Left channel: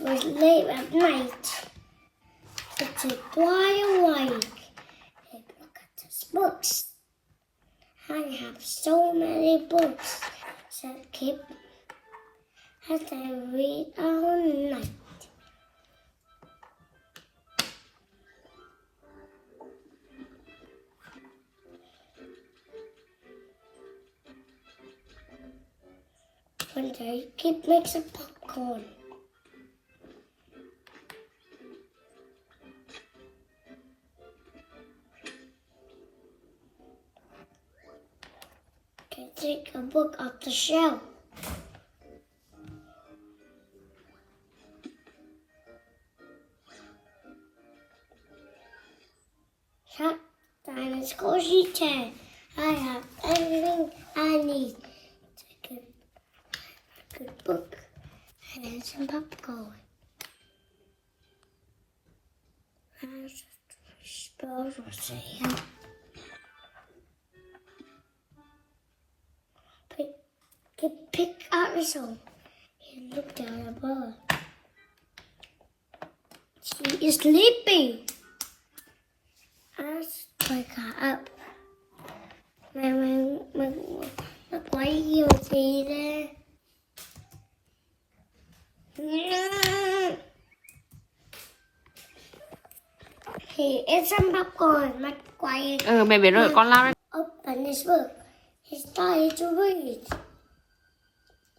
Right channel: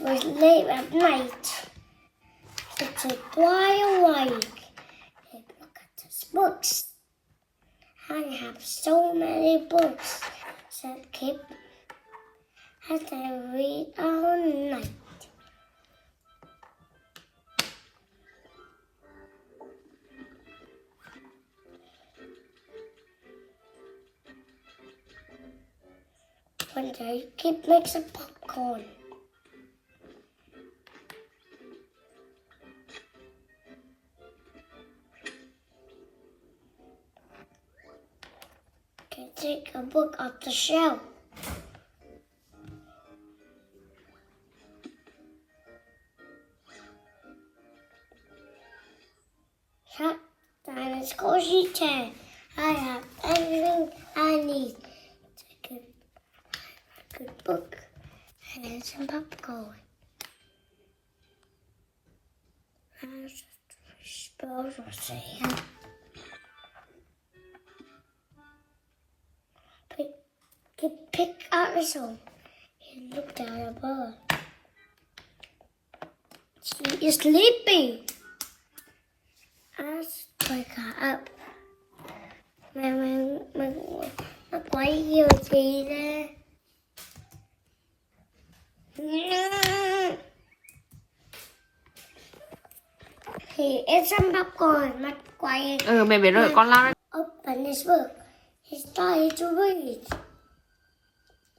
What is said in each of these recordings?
was late at night. To take wide awake and look at his books. I have so many books, said Kip, as I read all night. One day, Kip makes some popcorn. Take a book off the shelf. Shut down his cozy chair. I have everything I need. Take a good book and then some popcorn. As spells were saying. Pick up his own. He looked down above. She is sleeping. I wake her up. Quay yêu chị đây. He ate some popcorn. Mặt quay. Mẹ biết rồi, con lao đây. Open his book. He started to read.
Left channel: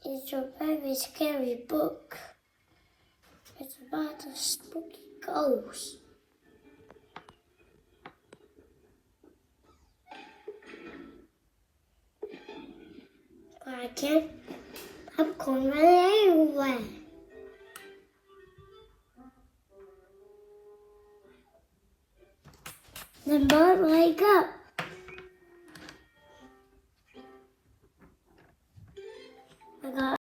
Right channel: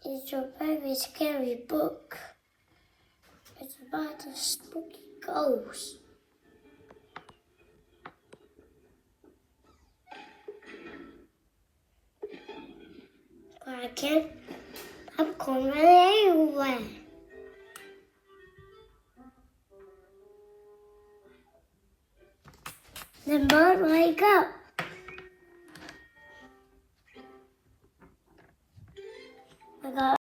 It's a very scary book. It's about a spooky ghost. But I can't popcorn really everywhere. The bird wake up. I got